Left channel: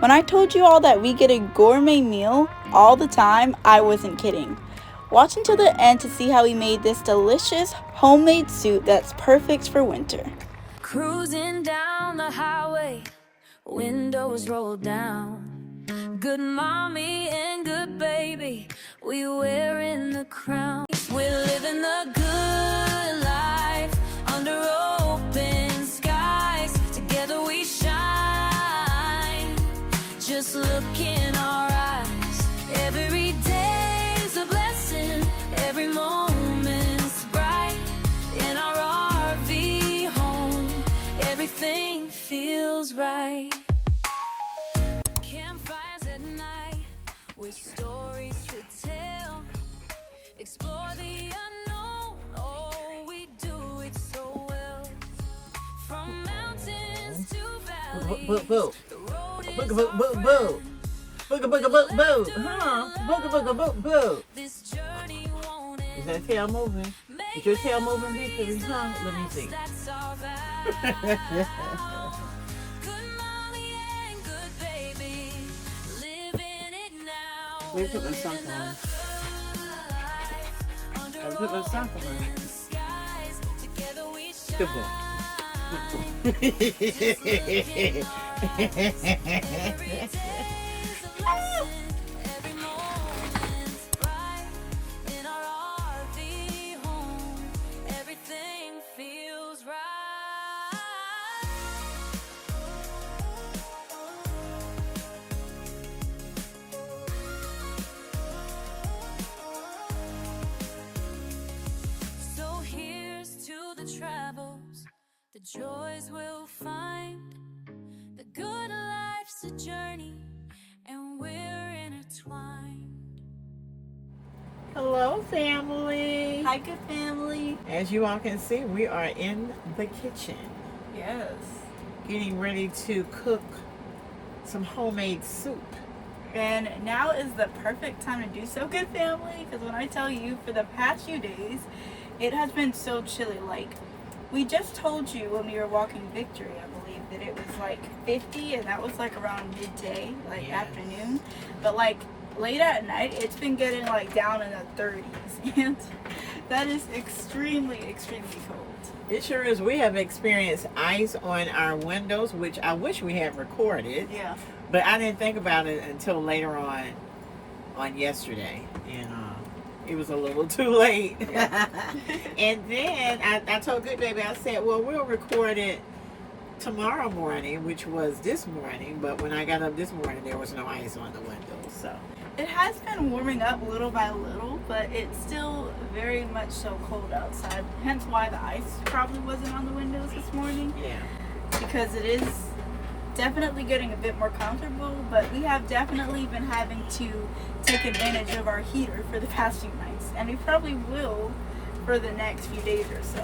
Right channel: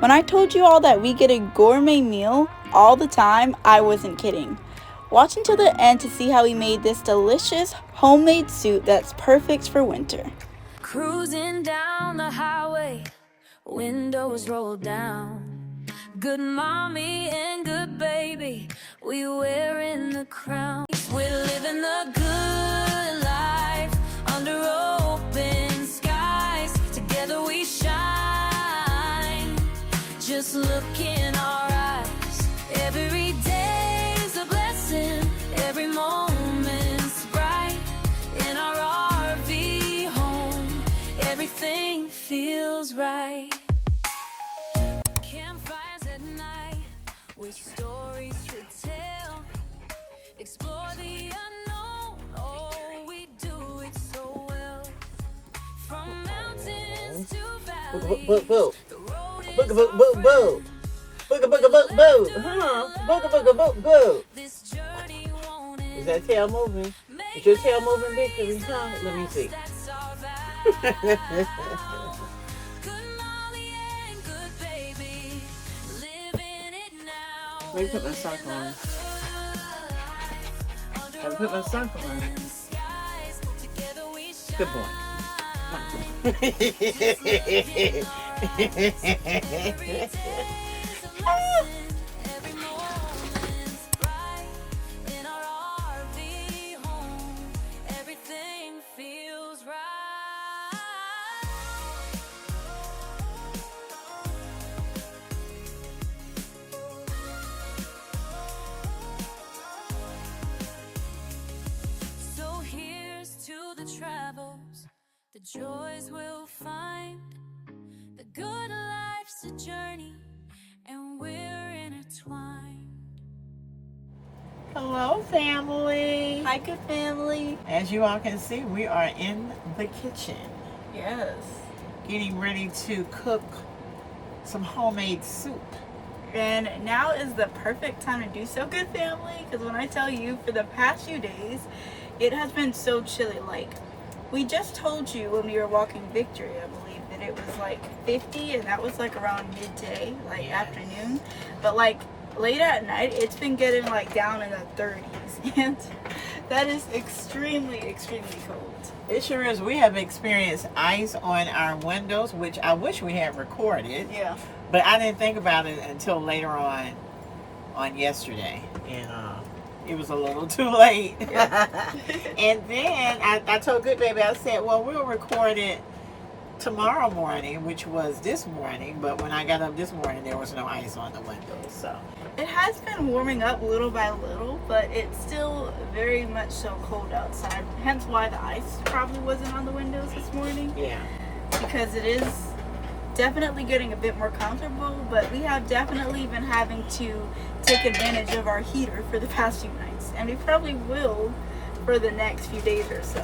When I told you all that we get a gourmet meal all the time, I wasn't kidding. Watch until the end to see how we made this delicious homemade soup that's perfect for winter. Cruising down the highway, windows rolled down. Good mommy and good baby, we wearing the crown. We're living the good life under open skies. Together we shine. Just look in our eyes. Every day's a blessing. Every moment's bright. In our RV home, everything feels right. Campfires at night with stories to tell. Explore the unknown. Oh, we do it so well. From mountains to valleys. The road is this journey won't end. Is that tail moving? Is your tail moving, Victory? Huh? Let me see. Goodmommy and Goodbaby, living it now. Let me put my sock on. I put my sock on. Good boy. Every moment's bright in our RV home. Everything feels right. So here's to the travels, the joys we'll find. The good life's a journey, and we're intertwined. Hello, family. Hi, good family. As you all can see, we are in the kitchen Yes. getting ready to cook some homemade soup. And now is the perfect time to do so, good family, because when I tell you, for the past few days, it has been so chilly. Like, we just told you when we were walking Victory, I believe, that it was like 50, and that was like around midday, like Yes. afternoon. But like late at night, it's been getting like down in the 30s, and that is extremely, extremely cold. It sure is. We have experienced ice on our windows, which I wish we had recorded. Yeah. But I didn't think about it until later on yesterday. And it was a little too late. Yeah. And then I told Good Baby, I said, well, we'll record it tomorrow morning, which was this morning. But when I got up this morning, there was no ice on the windows. So It has been warming up little by little, but it's still very much so cold outside. Hence why the ice probably wasn't on the windows this morning, yeah. because it is definitely getting a bit more comfortable, but we have definitely been having to take advantage of our heater for the past few nights, and we probably will for the next few days or so.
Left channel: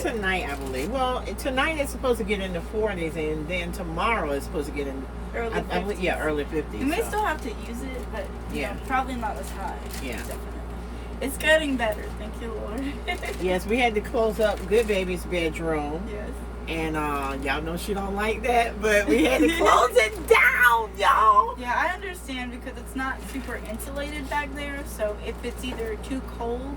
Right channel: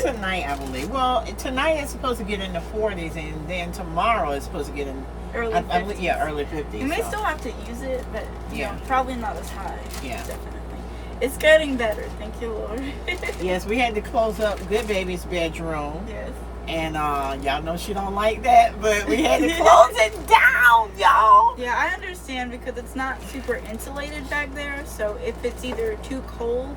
Tonight, I believe. Well, tonight it's supposed to get in the 40s, and then tomorrow it's supposed to get in Early 50s. Yeah, early 50s. We may so. still have to use it, but you Yeah. know, probably not as high. Yeah. Definitely. It's getting better, thank you, Lord. Yes, we had to close up Good Baby's bedroom. Yes. And y'all know she don't like that, but we had to close it down, y'all. Yeah, I understand, because it's not super insulated back there. So if it's either too cold,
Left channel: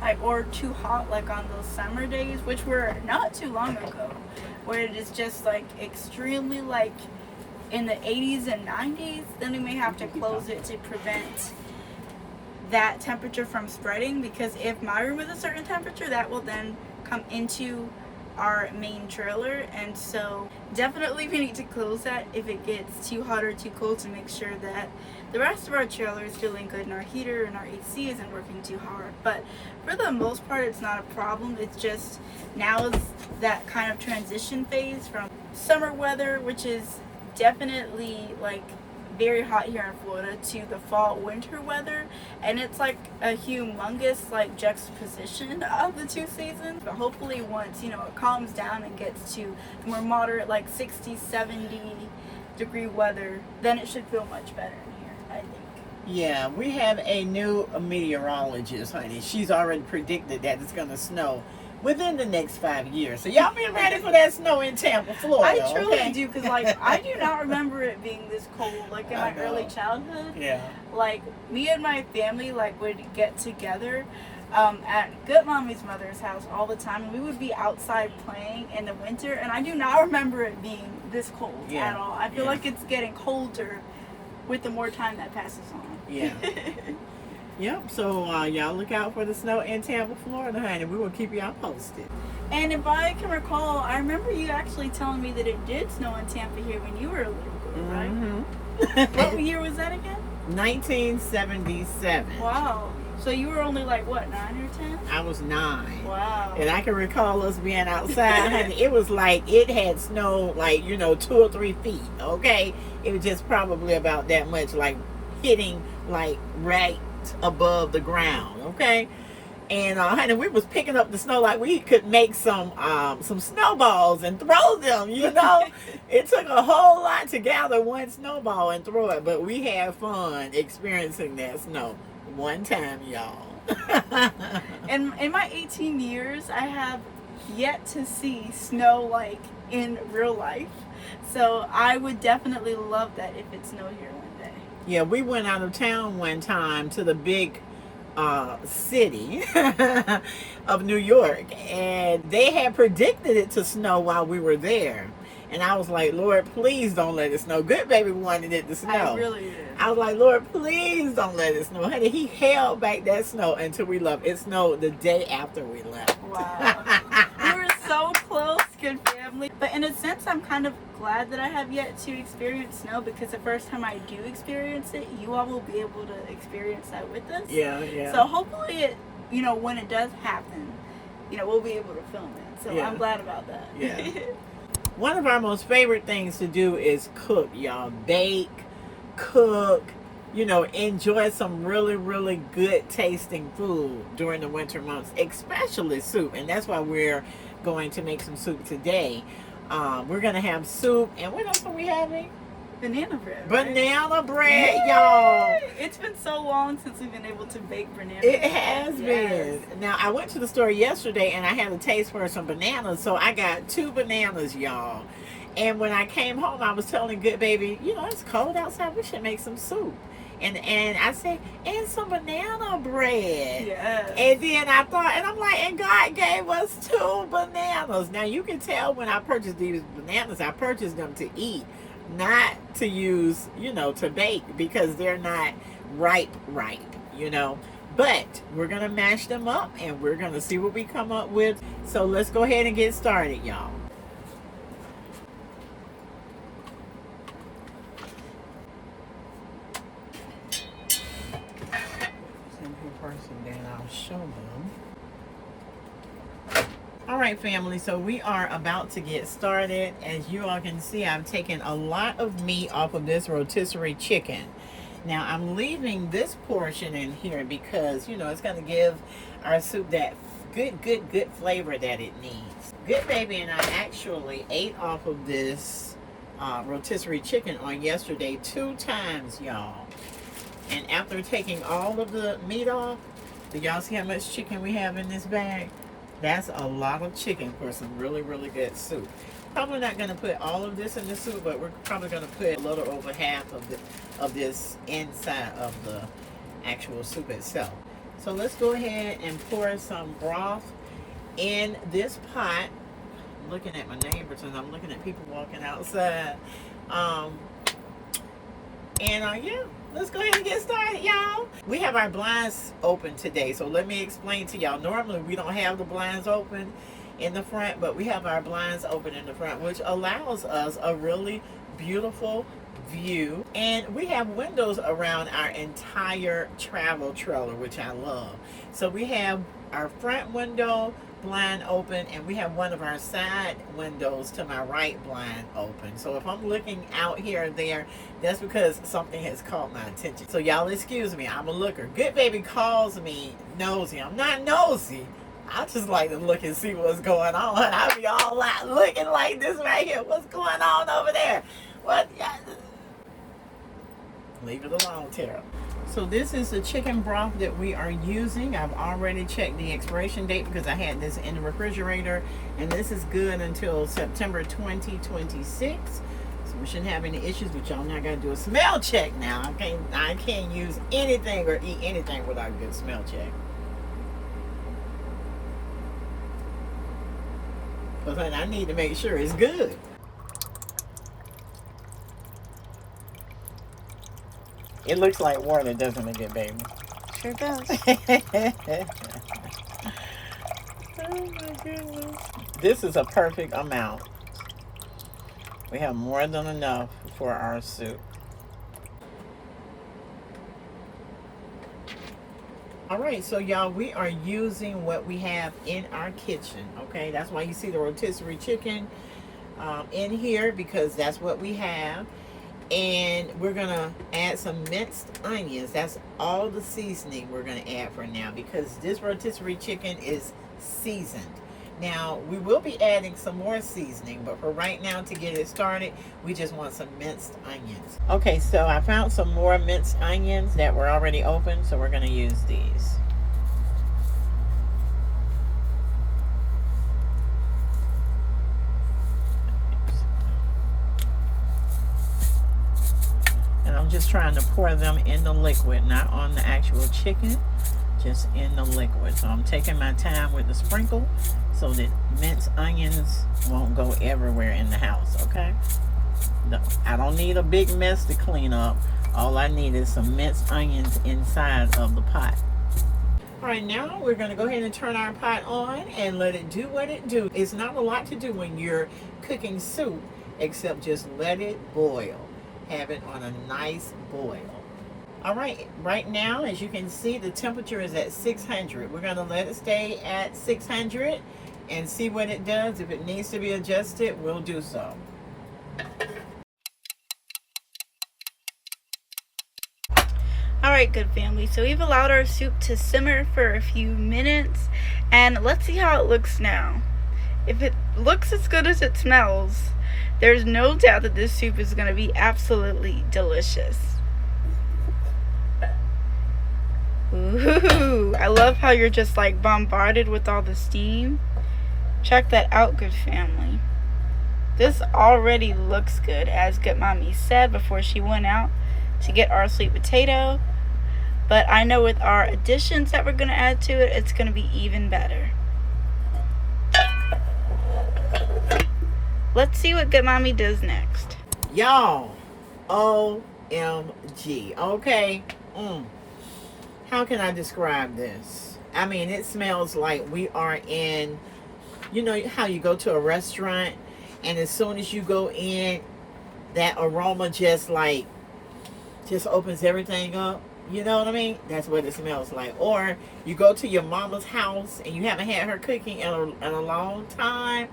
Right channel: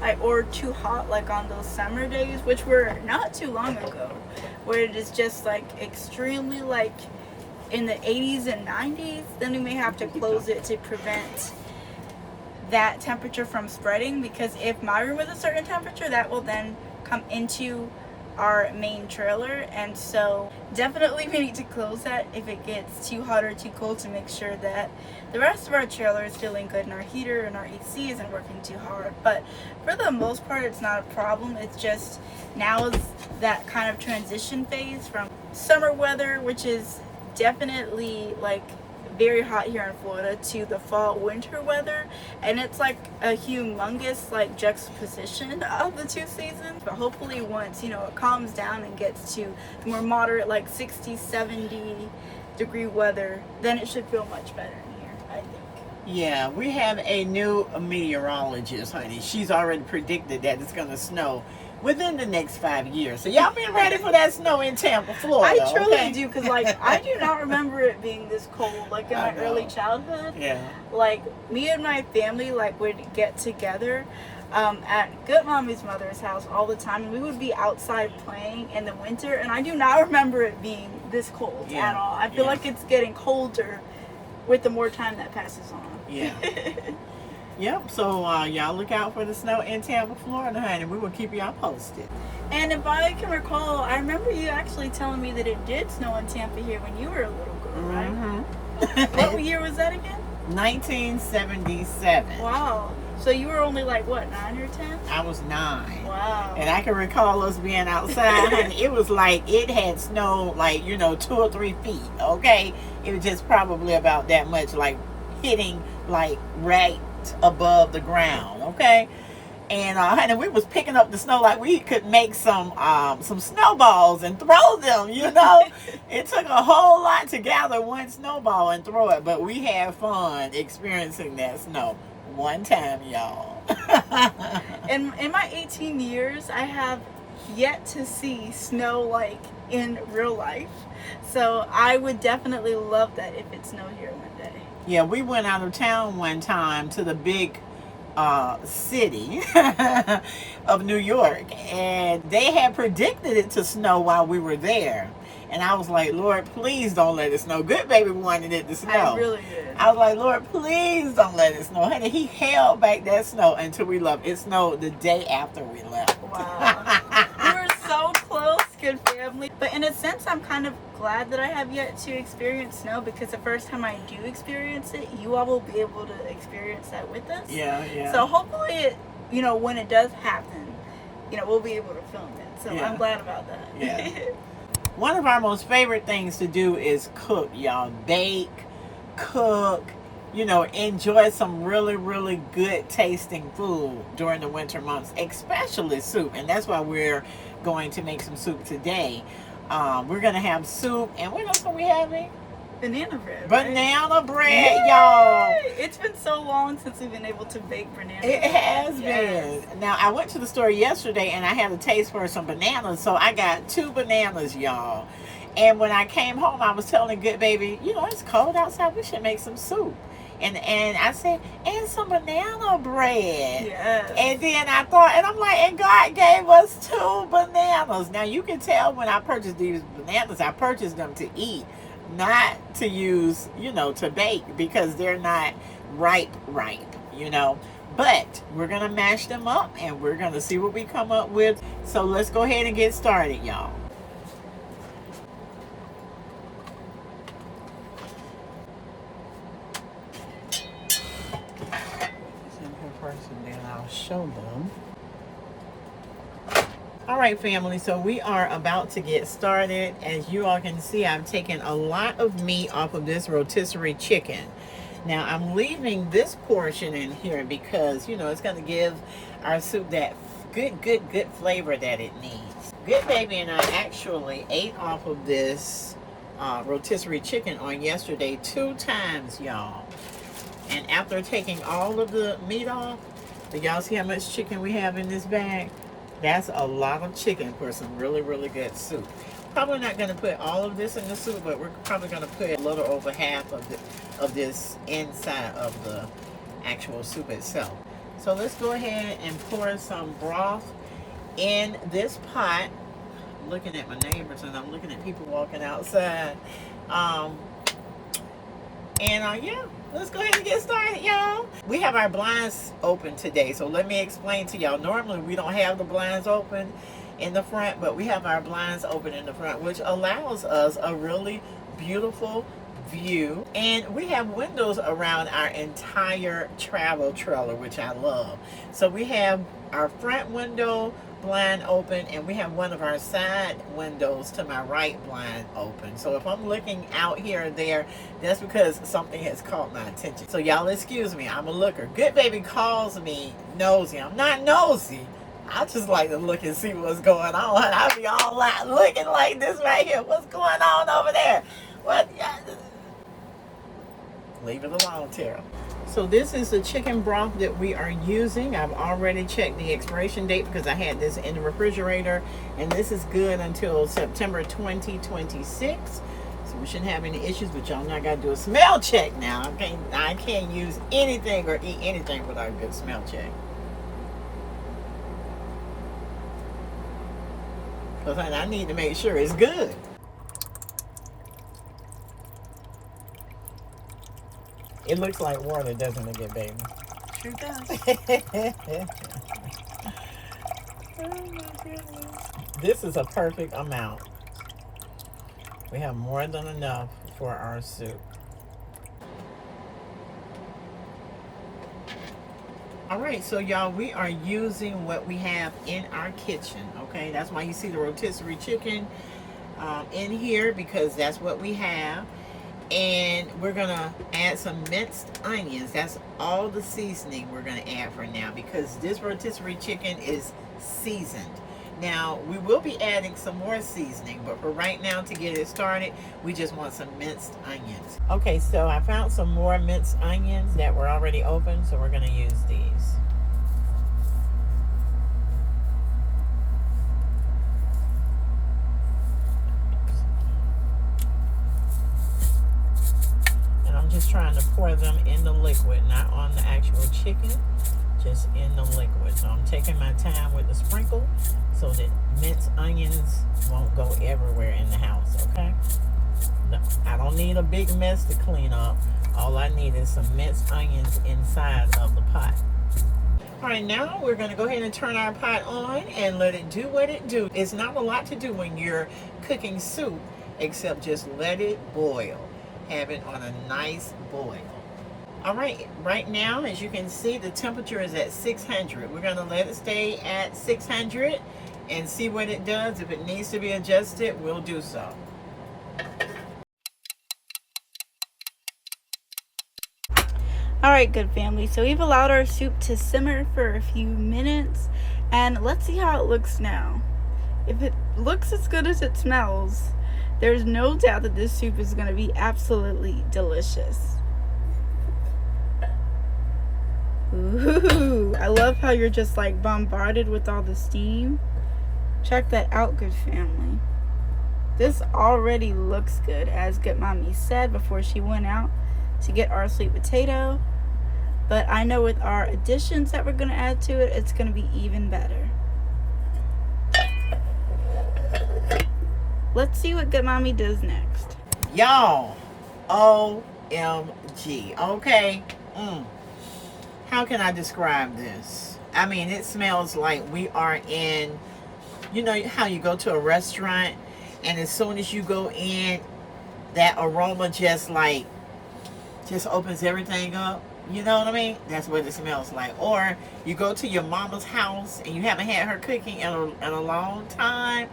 like, or too hot, like on those summer days, which were not too long ago, where it is just like extremely like in the 80s and 90s, then we may have to close it to prevent that temperature from spreading. Because if my room is a certain temperature, that will then come into our main trailer, and so definitely we need to close that if it gets too hot or too cold, to make sure that the rest of our trailer is feeling good and our heater and our AC isn't working too hard. But for the most part, it's not a problem. It's just now is that kind of transition phase from summer weather, which is definitely like very hot here in Florida, to the fall winter weather, and it's like a humongous like juxtaposition of the two seasons. But hopefully once, you know, it calms down and gets to more moderate like 60-70 degree weather, then it should feel much better in here, I think. Yeah, we have a new meteorologist, honey. She's already predicted that it's gonna snow within the next 5 years. So y'all be ready for that snow in Tampa, Florida. I truly okay? do, because like I do not remember it being this cold. Like in I my know. early childhood, Yeah. like me and my family like would get together at Goodmommy's mother's house all the time, and we would be outside playing in the winter, and I do not remember it being this cold Yeah. at all. I feel Yeah. like it's getting colder with the more time that passes on. Yeah. Yep. So y'all look out for the snow in Tampa, Florida, honey. We will keep y'all posted. And if I can recall, I remember you actually telling me that it did snow in Tampa here when you were a little girl, right? Mm-hmm. What year was that again? 1977. Wow. So you were only like, what, 9 or 10? I was 9. Wow. And I can recall us being outside, honey. It was like it had snowed like, 2 or 3 feet, okay? It was just probably about that much, like hitting like right above the ground, okay? And honey, we was picking up the snow like we could make some snowballs and throw them, It took a whole lot to gather one snowball and throw it, but we had fun experiencing that snow one time, y'all. In my 18 years, I have yet to see snow like in real life. So I would definitely love that if it snowed here one day. Yeah, we went out of town one time to the big city of New York, and they had predicted it to snow while we were there. And I was like, Lord, please don't let it snow. Good baby wanted it to snow. I really did. I was like, Lord, please don't let it snow. Honey, he held back that snow until we left. It snowed the day after we left. Wow. We were so close, good family. But in a sense, I'm kind of glad that I have yet to experience snow, because the first time I do experience it, you all will be able to experience that with us. Yeah, yeah. So hopefully it, when it does happen, we'll be able to film it. So Yeah. I'm glad about that. Yeah. One of our most favorite things to do is cook, y'all. Bake, cook, enjoy some really, really good tasting food during the winter months, especially soup. And that's why we're going to make some soup today. We're going to have soup. And what else are we having? Banana bread. Right? Banana bread, y'all. It's been so long since we've been able to bake banana bread. It has Yes. been. Now, I went to the store yesterday and I had a taste for some bananas. So I got 2 bananas, y'all. And when I came home, I was telling Good Baby, it's cold outside. We should make some soup. And I said, and some banana bread. Yes. And then I thought, and I'm like, and God gave us 2 bananas. Now, you can tell when I purchased these bananas, I purchased them to eat, not to use, to bake, because they're not ripe, But we're going to mash them up and we're going to see what we come up with. So let's go ahead and get started, y'all. And then I'll show them. All right, family, so we are about to get started. As you all can see, I've taken a lot of meat off of this rotisserie chicken. Now I'm leaving this portion in here because it's going to give our soup that good flavor that it needs. Good Baby and I actually ate off of this rotisserie chicken on yesterday 2 times, y'all. And after taking all of the meat off, do y'all see how much chicken we have in this bag? That's a lot of chicken for some really, really good soup. Probably not going to put all of this in the soup, but we're probably going to put a little over half of this inside of the actual soup itself. So let's go ahead and pour some broth in this pot. I'm looking at my neighbors and I'm looking at people walking outside. Yeah, let's go ahead and get started, y'all. We have our blinds open today, so let me explain to y'all. Normally, we don't have the blinds open in the front, but we have our blinds open in the front, which allows us a really beautiful view. And we have windows around our entire travel trailer, which I love. So we have our front window blind open, and we have one of our side windows to my right blind open. So if I'm looking out here or there, that's because something has caught my attention. So y'all excuse me, I'm a looker. Good Baby calls me nosy. I'm not nosy. I just like to look and see what's going on. I'll be all like looking like this right here. What's going on over there? What? Leave it alone, Tara. So this is the chicken broth that we are using. I've already checked the expiration date because I had this in the refrigerator, and this is good until September 2026. So we shouldn't have any issues, but y'all know I gotta do a smell check now. I can't use anything or eat anything without a good smell check. Because I need to make sure it's good. It looks like water, doesn't it, good baby? Sure does. Oh my goodness. This is a perfect amount. We have more than enough for our soup. All right, so y'all, we are using what we have in our kitchen, okay? That's why you see the rotisserie chicken in here, because that's what we have. And we're gonna add some minced onions. That's all the seasoning we're gonna add for now, because this rotisserie chicken is seasoned. Now, we will be adding some more seasoning, but for right now, to get it started, we just want some minced onions. Okay, so I found some more minced onions that were already open, so we're gonna use these. Just trying to pour them in the liquid, not on the actual chicken, just in the liquid. So I'm taking my time with the sprinkle so that minced onions won't go everywhere in the house, okay? I don't need a big mess to clean up. All I need is some minced onions inside of the pot. All right, now we're gonna go ahead and turn our pot on and let it do what it do. It's not a lot to do when you're cooking soup, except just let it boil. Have it on a nice boil. All right, right now, as you can see, the temperature is at 600. We're gonna let it stay at 600 and see what it does. If it needs to be adjusted, we'll do so. All right, good family. So we've allowed our soup to simmer for a few minutes, and let's see how it looks now. If it looks as good as it smells, there's no doubt that this soup is going to be absolutely delicious. Ooh, I love how you're just like bombarded with all the steam. Check that out, good family. This already looks good, as Goodmommy said before she went out to get our sweet potato. But I know with our additions that we're going to add to it, it's going to be even better. Let's see what Goodmommy does next. Y'all, OMG, okay? How can I describe this? I mean, it smells like we are in, you know how you go to a restaurant and as soon as you go in, that aroma just opens everything up. You know what I mean? That's what it smells like. Or you go to your mama's house and you haven't had her cooking in a long time,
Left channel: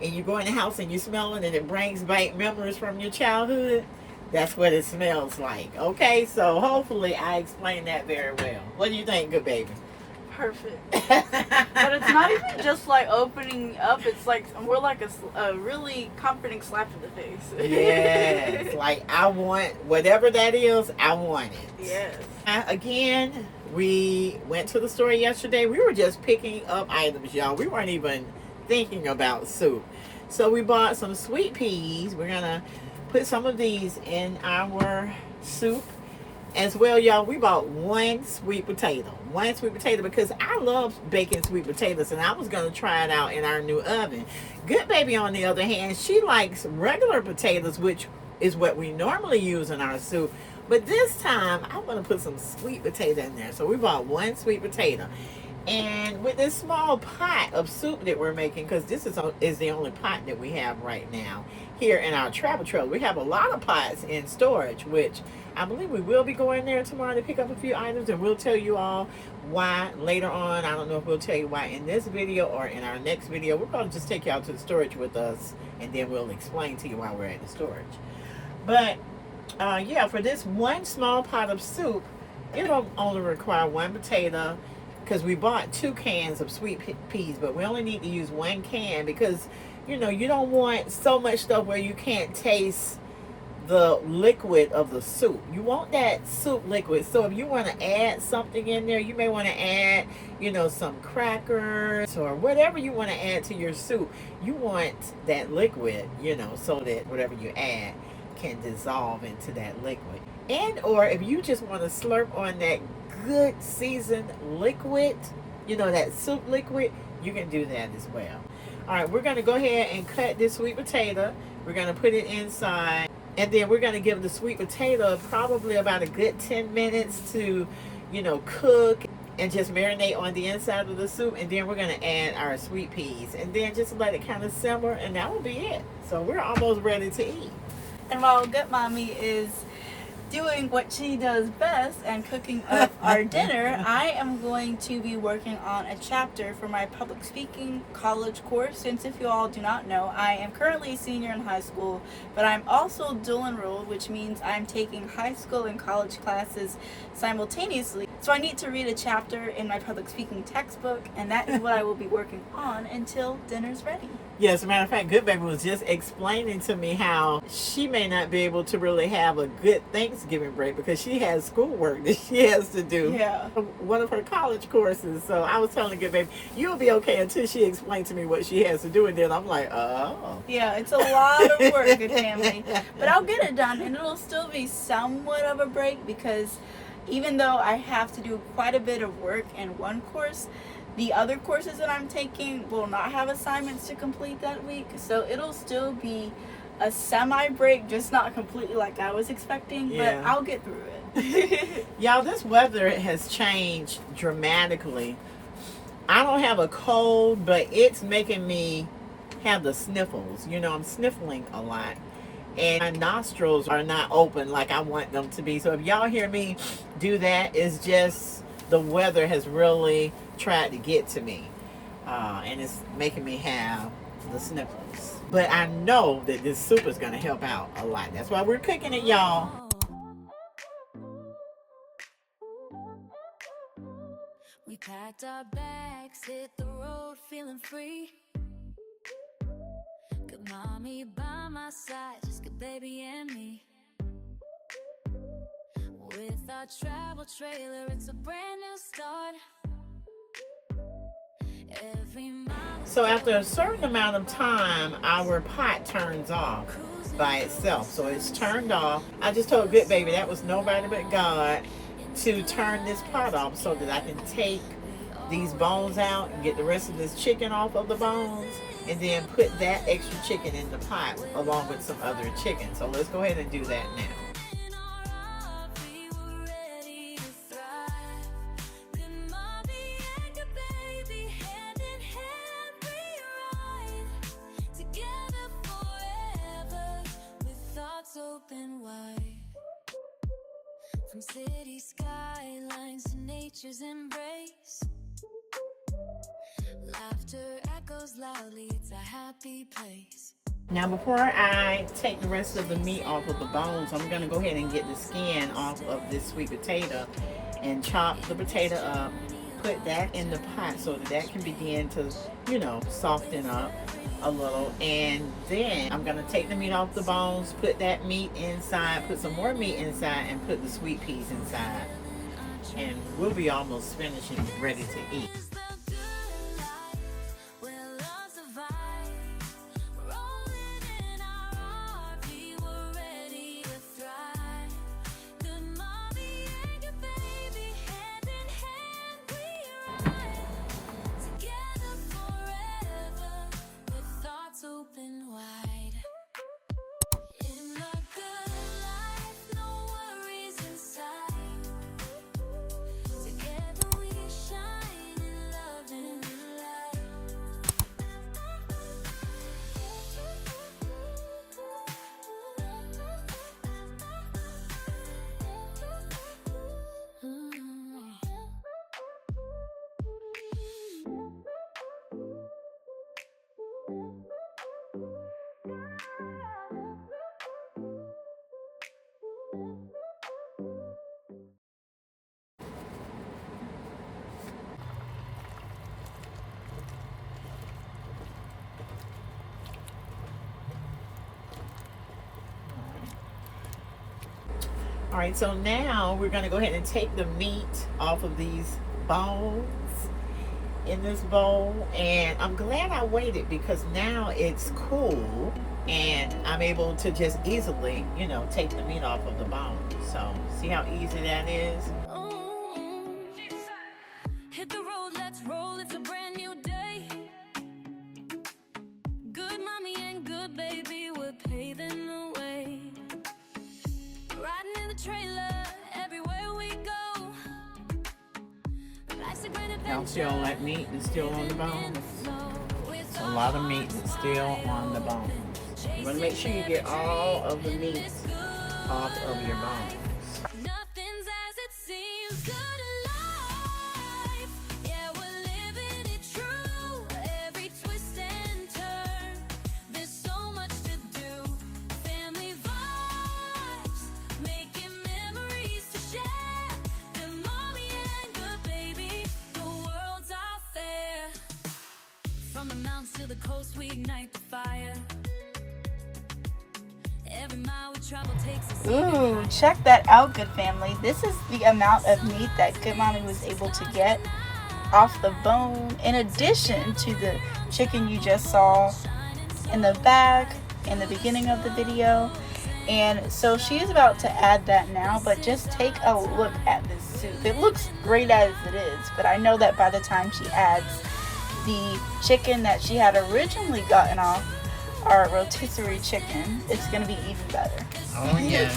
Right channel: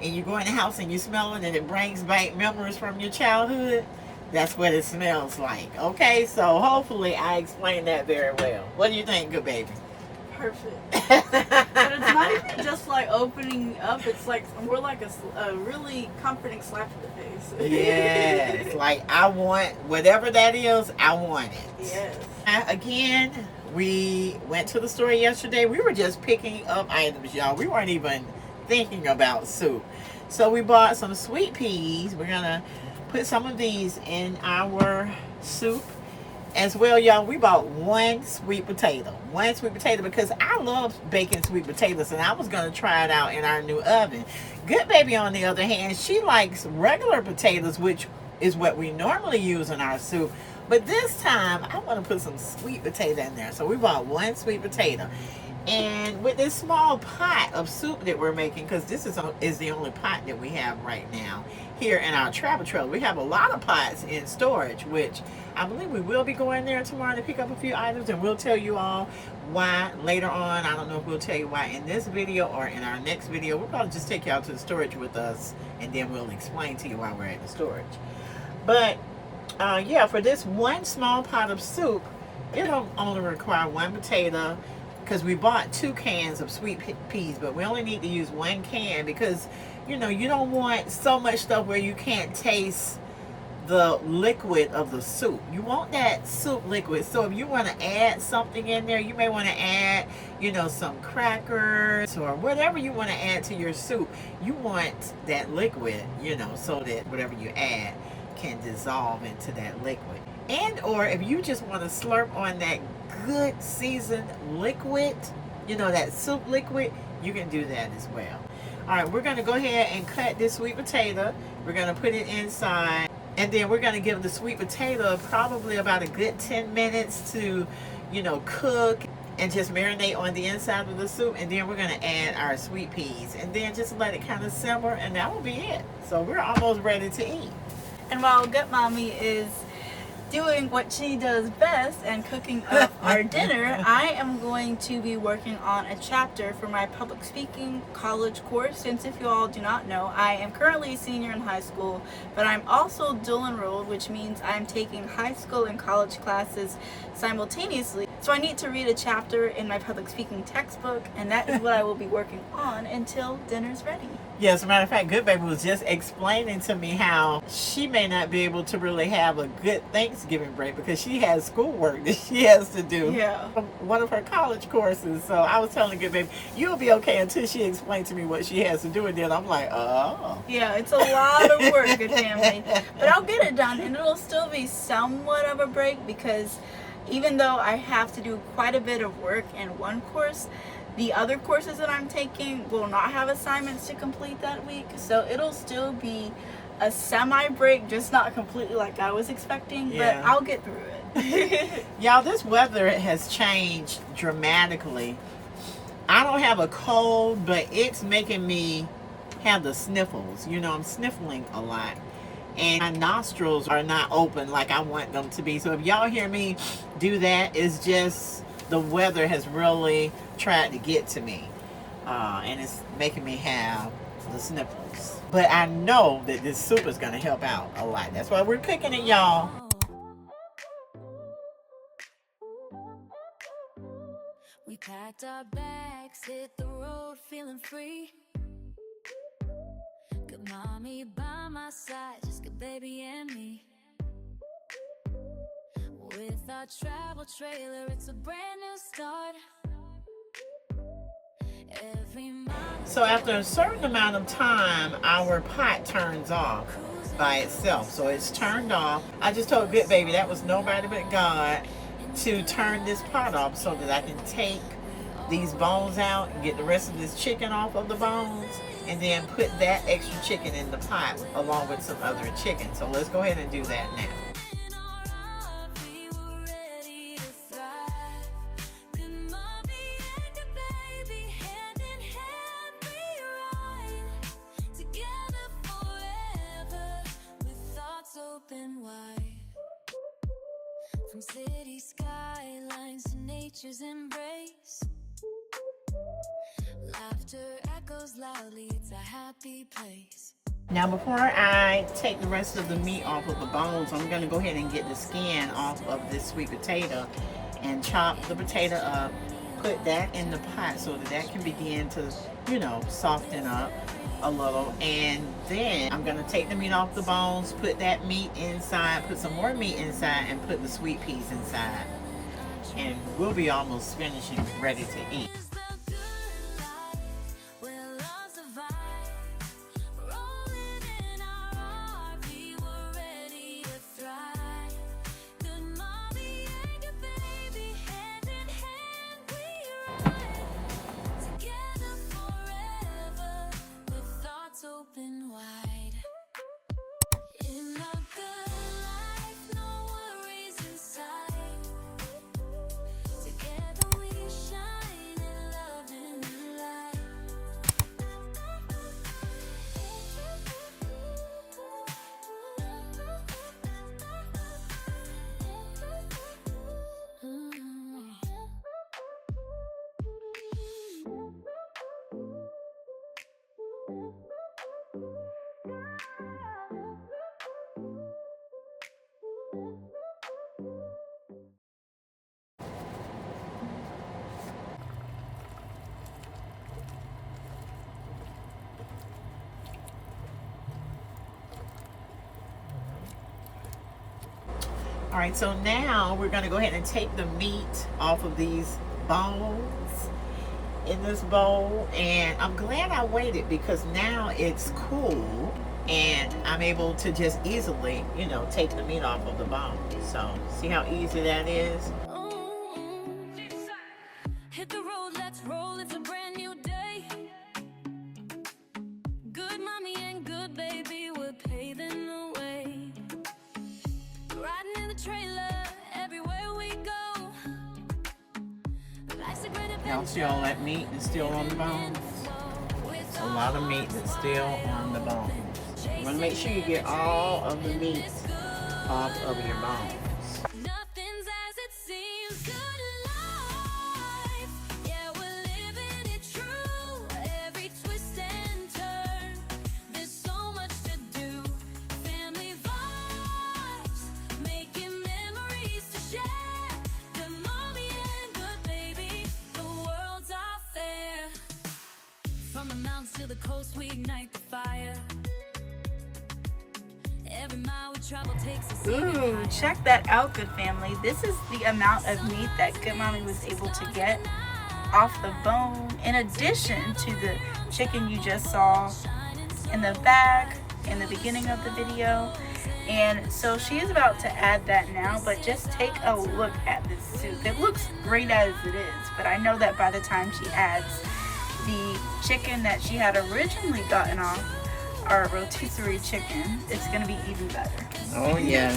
and you go in the house and you smell it and it brings back memories from your childhood. That's what it smells like. Okay, so hopefully I explained that very well. What do you think, good baby? Perfect. But it's not even just like opening up. It's like we're like a really comforting slap in the face. Yes, like I want whatever that is. I want it. Yes. Again, we went to the store yesterday. We were just picking up items, y'all. We weren't even thinking about soup. So we bought some sweet peas. We're gonna put some of these in our soup as well, y'all. We bought one sweet potato because I love baking sweet potatoes, and I was gonna try it out in our new oven. Good baby, on the other hand, she likes regular potatoes, which is what we normally use in our soup, but this time I want to put some sweet potato in there. So we bought one sweet potato, and with this small pot of soup that we're making, because this is the only pot that we have right now here in our travel trailer. We have a lot of pots in storage, which I believe we will be going there tomorrow to pick up a few items, and we'll tell you all why later on. I don't know if we'll tell you why in this video or in our next video. We'll probably just take you out to the storage with us, and then we'll explain to you why we're at the storage. But yeah, for this one small pot of soup, it'll only require one potato, because we bought 2 cans of sweet peas, but we only need to use 1 can because, you know, you don't want so much stuff where you can't taste the liquid of the soup. You want that soup liquid. So if you want to add something in there, you may want to add, some crackers or whatever you want to add to your soup. You want that liquid, so that whatever you add can dissolve into that liquid. And or if you just want to slurp on that good seasoned liquid, that soup liquid, you can do that as well. All right, we're going to go ahead and cut this sweet potato. We're going to put it inside. And then we're going to give the sweet potato probably about a good 10 minutes to, cook and just marinate on the inside of the soup. And then we're going to add our sweet peas. And then just let it kind of simmer, and that will be it. So we're almost ready to eat. And while Good Mommy is doing what she does best and cooking up our dinner, I am going to be working on a chapter for my public speaking college course. Since if you all do not know, I am currently a senior in high school, but I'm also dual enrolled, which means I'm taking high school and college classes simultaneously. So I need to read a chapter in my public speaking textbook, and that is what I will be working on until dinner's ready. Yeah, as a matter of fact, Good Baby was just explaining to me how she may not be able to really have a good Thanksgiving break because she has schoolwork that she has to do. Yeah. One of her college courses. So I was telling Good Baby, you'll be okay until she explained to me what she has to do. And then I'm like, oh. Yeah, it's a lot of work, good family. But I'll get it done, and it'll still be somewhat of a break because even though I have to do quite a bit of work in one course, the other courses that I'm taking will not have assignments to complete that week. So it'll still be a semi-break, just not completely like I was expecting, but I'll get through it. Y'all, this weather has changed dramatically. I don't have a cold, but it's making me have the sniffles. I'm sniffling a lot. And my nostrils are not open like I want them to be. So if y'all hear me do that, it's just the weather has really tried to get to me. And it's making me have the sniffles. But I know that this soup is going to help out a lot. That's why we're cooking it, y'all. We packed our bags, hit the road, feeling free. Good mommy by my side, just good baby and me. With our travel trailer, it's a brand new start. So after a certain amount of time, our pot turns off by itself. So it's turned off. I just told Good Baby that was nobody but God to turn this pot off so that I can take these bones out and get the rest of this chicken off of the bones, and then put that extra chicken in the pot along with some other chicken. So let's go ahead and do that now. Open wide, from city skylines to nature's embrace. Laughter echoes loudly, it's a happy place. Now before I take the rest of the meat off of the bones, I'm going to go ahead and get the skin off of this sweet potato and chop the potato up, put that in the pot so that can begin to, soften up a little. And then I'm going to take the meat off the bones, put that meat inside, put some more meat inside, and put the sweet peas inside. And we'll be almost finished and ready to eat. Open wide. In a good life, no worries inside. Together we shine in love and light. All right, so now we're gonna go ahead and take the meat off of these bones in this bowl. And I'm glad I waited because now it's cool and I'm able to just easily, you know, take the meat off of the bone. So see how easy that is? Ooh. Hit the road, let's roll, it's a brand new day. Good mommy and good baby, we're paving the way. Riding in the trailer, everywhere we go. Life's a great Y'all adventure. see all that meat that's still on the bone? It's a lot of meat that's still on the bone. You want to make sure you get all of the meat off of your bones. Nothing's as it seems. Good life. Yeah, we're living it true. Every twist and turn. There's so much to do. Family vibes. Making memories to share. Good mommy and good baby. The world's our fair. From the mountains to the coast, we ignite the fire. Every mile we travel takes us even Ooh, higher. check that out, good family. This is the amount of meat that Good Mommy was able to get off the bone, in addition to the chicken you just saw in the bag in the beginning of the video. And so she is about to add that now, but just take a look at this soup. It looks great as it is, but I know that by the time she adds the chicken that she had originally gotten off our rotisserie chicken, it's gonna be even better. Oh yeah.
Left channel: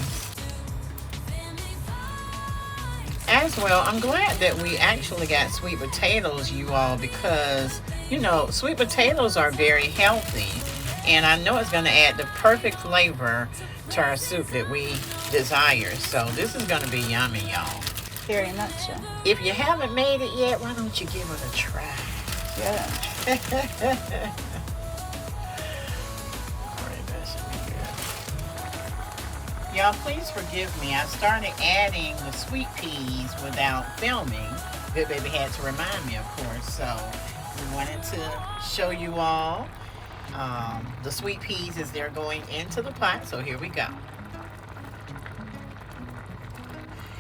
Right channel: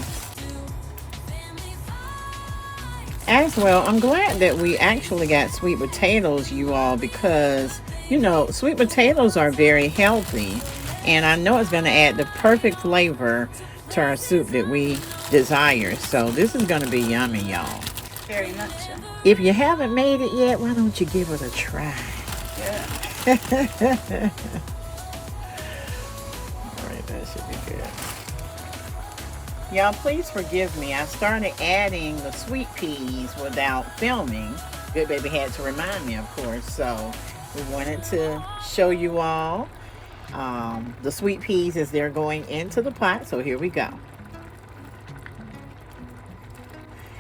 As well, I'm glad that we actually got sweet potatoes, you all, because, you know, sweet potatoes are very healthy. And I know it's going to add the perfect flavor to our soup that we desire. So this is going to be yummy, y'all. Very much so. If you haven't made it yet, why don't you give it a try? Yeah. Alright, that should be good. Y'all, please forgive me. I started adding the sweet peas without filming. Good Baby had to remind me, of course. So we wanted to show you all the sweet peas as they're going into the pot. So here we go.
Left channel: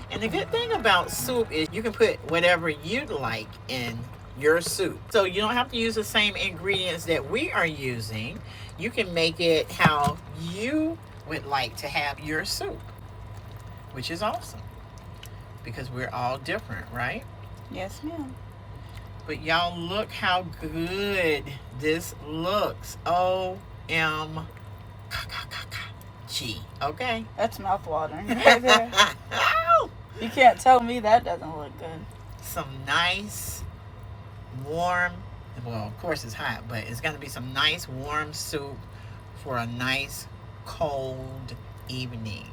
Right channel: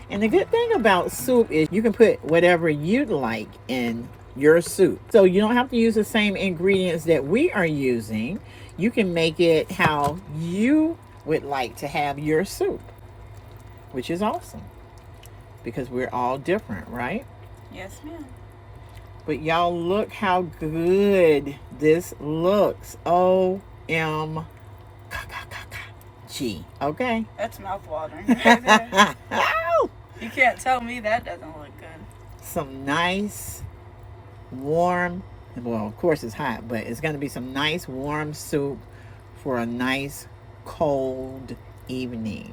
And the good thing about soup is you can put whatever you'd like in your soup. So you don't have to use the same ingredients that we are using. You can make it how you would like to have your soup, which is awesome because we're all different, right? Yes, ma'am. But y'all, look how good this looks. OMG. Okay. That's mouth-watering right there. You can't tell me that doesn't look good. Some nice, warm, well, of course it's hot, but it's going to be some nice, warm soup for a nice, cold evening.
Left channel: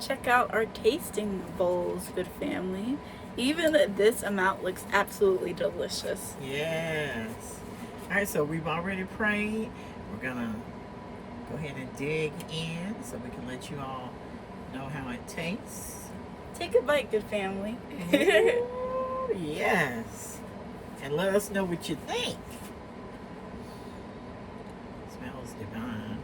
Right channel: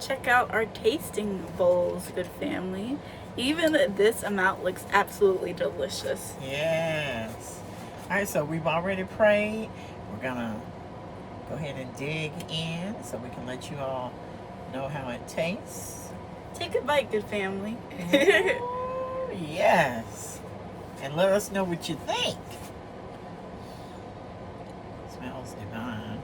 Check out our tasting bowls, good family. Even this amount looks absolutely delicious. Yes. All right, so we've already prayed. We're going to go ahead and dig in so we can let you all know how it tastes. Take a bite, good family. Yes. And let us know what you think. Smells divine.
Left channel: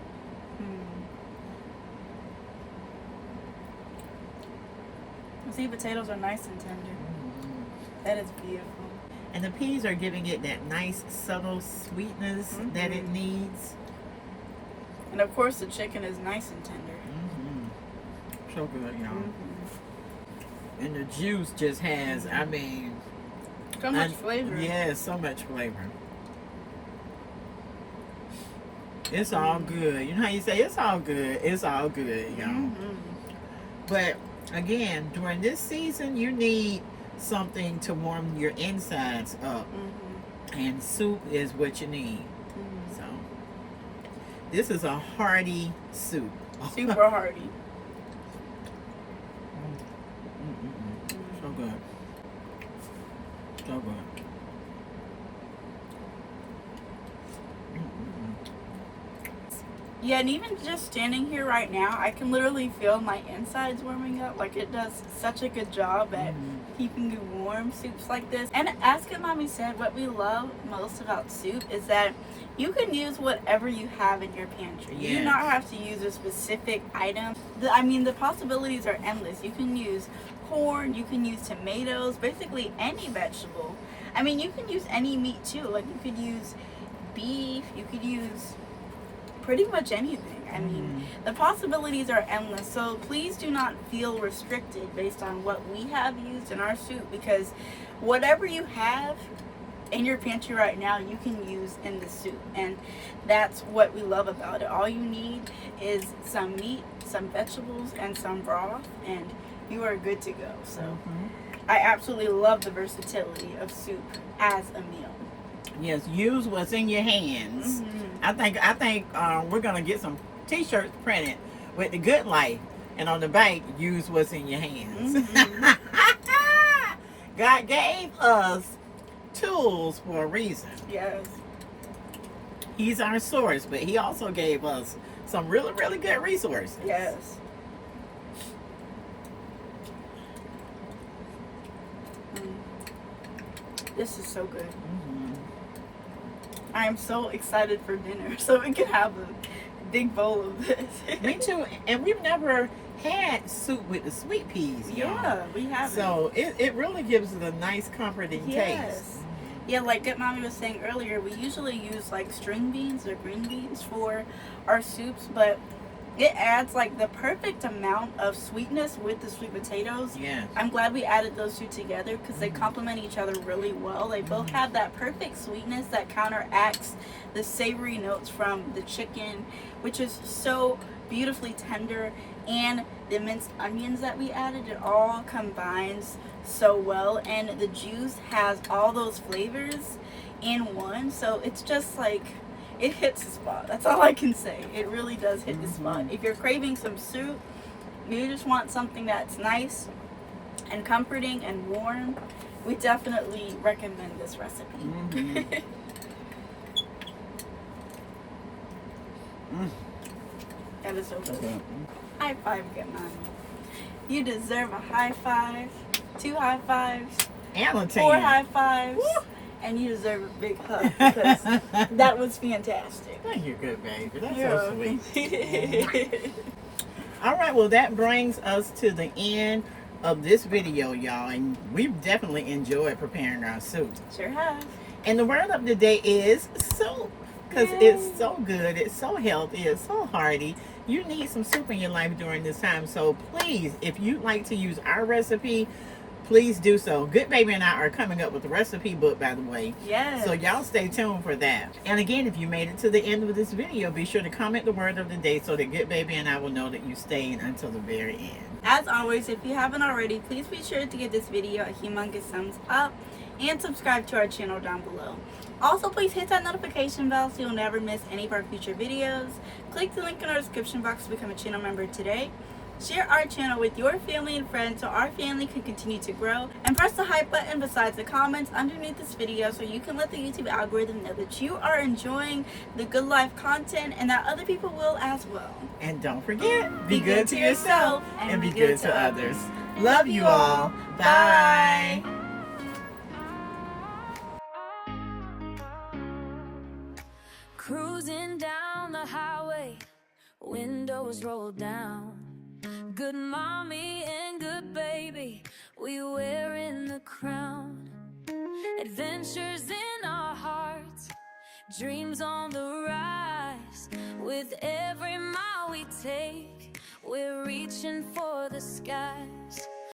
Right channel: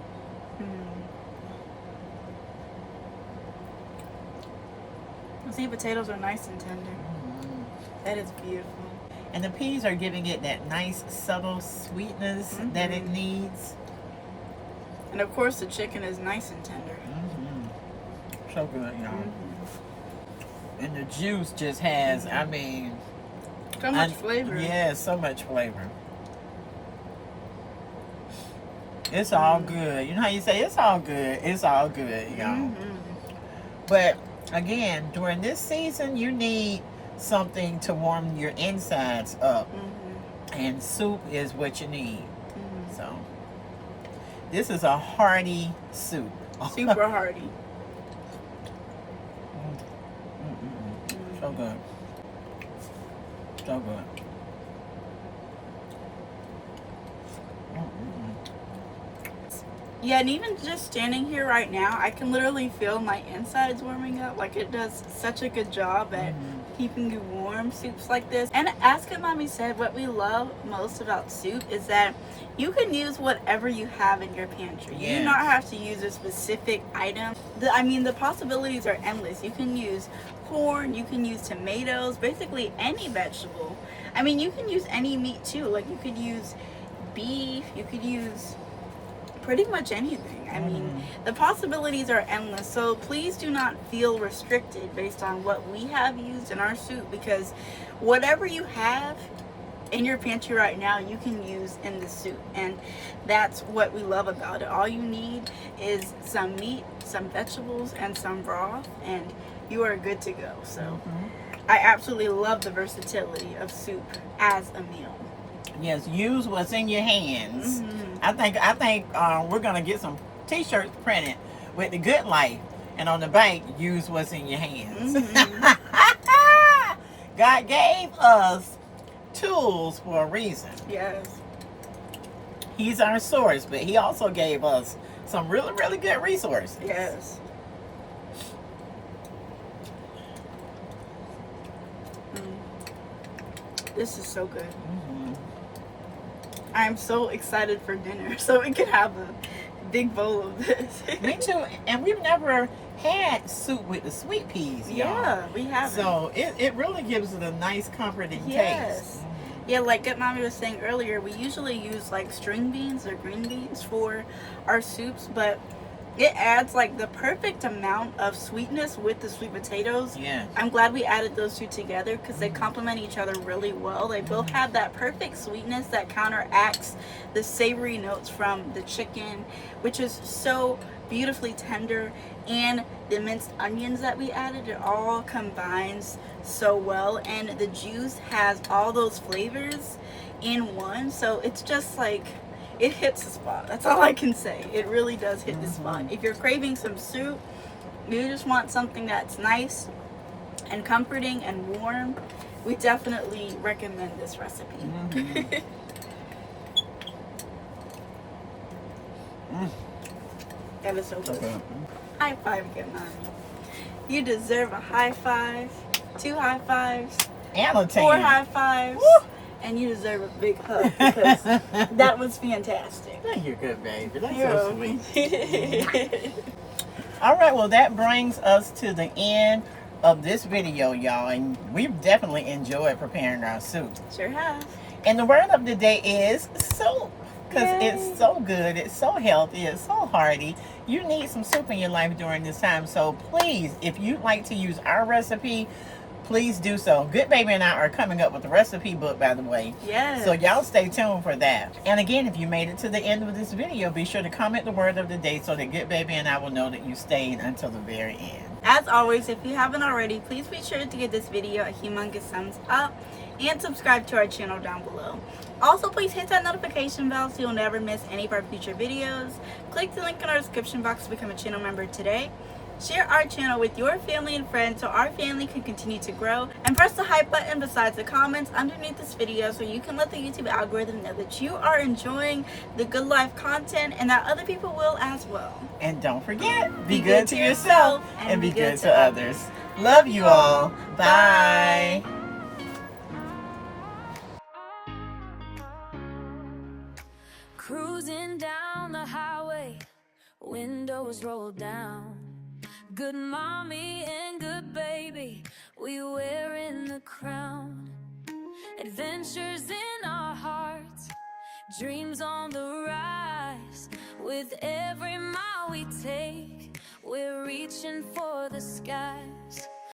The sweet potatoes are nice and tender. Mm-hmm. That is beautiful. And the peas are giving it that nice, subtle sweetness that it needs. And of course, the chicken is nice and tender. So good, y'all. And the juice just has, I mean... So much flavor. Yeah, so much flavor. It's all good. You know how you say, it's all good. It's all good, y'all. But, again, during this season, you need something to warm your insides up. And soup is what you need. So, this is a hearty soup. Super hearty. So good. So good. Yeah, and even just standing here right now, I can literally feel my insides warming up. Like, it does such a good job at keeping you warm, soups like this. And as Goodmommy said, what we love most about soup is that you can use whatever you have in your pantry. You do not have to use a specific item. The possibilities are endless. You can use corn, you can use tomatoes, basically any vegetable. I mean, you can use any meat too. Like, you could use beef, you could use pretty much anything. I mean, the possibilities are endless. So please do not feel restricted based on what we have used in our soup, because whatever you have in your pantry right now, you can use in the soup. And that's what we love about it. All you need is some meat, some vegetables, and some broth, and you are good to go. So I absolutely love the versatility of soup as a meal. Yes, use what's in your hands. I think we're gonna get some T-shirts printed with the Good Life, and on the back, use what's in your hands. God gave us tools for a reason. Yes. He's our source, but He also gave us some really, really good resources. Yes. This is so good. I am so excited for dinner, so we can have a big bowl of this. Me too. And we've never had soup with the sweet peas. Yeah, we haven't. So it really gives it a nice comforting taste. Yeah, like Goodmommy was saying earlier, we usually use like string beans or green beans for our soups, but it adds like the perfect amount of sweetness with the sweet potatoes. Yes. I'm glad we added those two together because they complement each other really well. They both have that perfect sweetness that counteracts the savory notes from the chicken, which is so beautifully tender, and the minced onions that we added. It all combines so well, and the juice has all those flavors in one. So it's just like, it hits the spot. That's all I can say. It really does hit the spot. If you're craving some soup, you just want something that's nice and comforting and warm, we definitely recommend this recipe. That is so good. High five, Goodmommy. You deserve a high five, 2 high fives, And a 4 high fives. Woo! And you deserve a big hug because that was fantastic. Thank you, good baby. That's You're so sweet. All right, well, that brings us to the end of this video, y'all. And we've definitely enjoyed preparing our soup. Sure have. And the word of the day is soup. Because it's so good, it's so healthy, it's so hearty. You need some soup in your life during this time. So please, if you'd like to use our recipe, please do so. Good Baby and I are coming up with a recipe book, by the way. Yes. So y'all stay tuned for that. And again, if you made it to the end of this video, be sure to comment the word of the day so that Good Baby and I will know that you stayed until the very end. As always, if you haven't already, please be sure to give this video a humongous thumbs up and subscribe to our channel down below. Also, please hit that notification bell so you'll never miss any of our future videos. Click the link in our description box to become a channel member today. Share our channel with your family and friends so our family can continue to grow. And press the hype button besides the comments underneath this video so you can let the YouTube algorithm know that you are enjoying the Good Life content and that other people will as well. And don't forget, Be good to yourself and be good to others. Love you all. Bye. Cruising down the highway, windows rolled down. Good mommy and good baby, we wearing the crown. Adventures in our hearts, dreams on the rise. With every mile we take, we're reaching for the skies.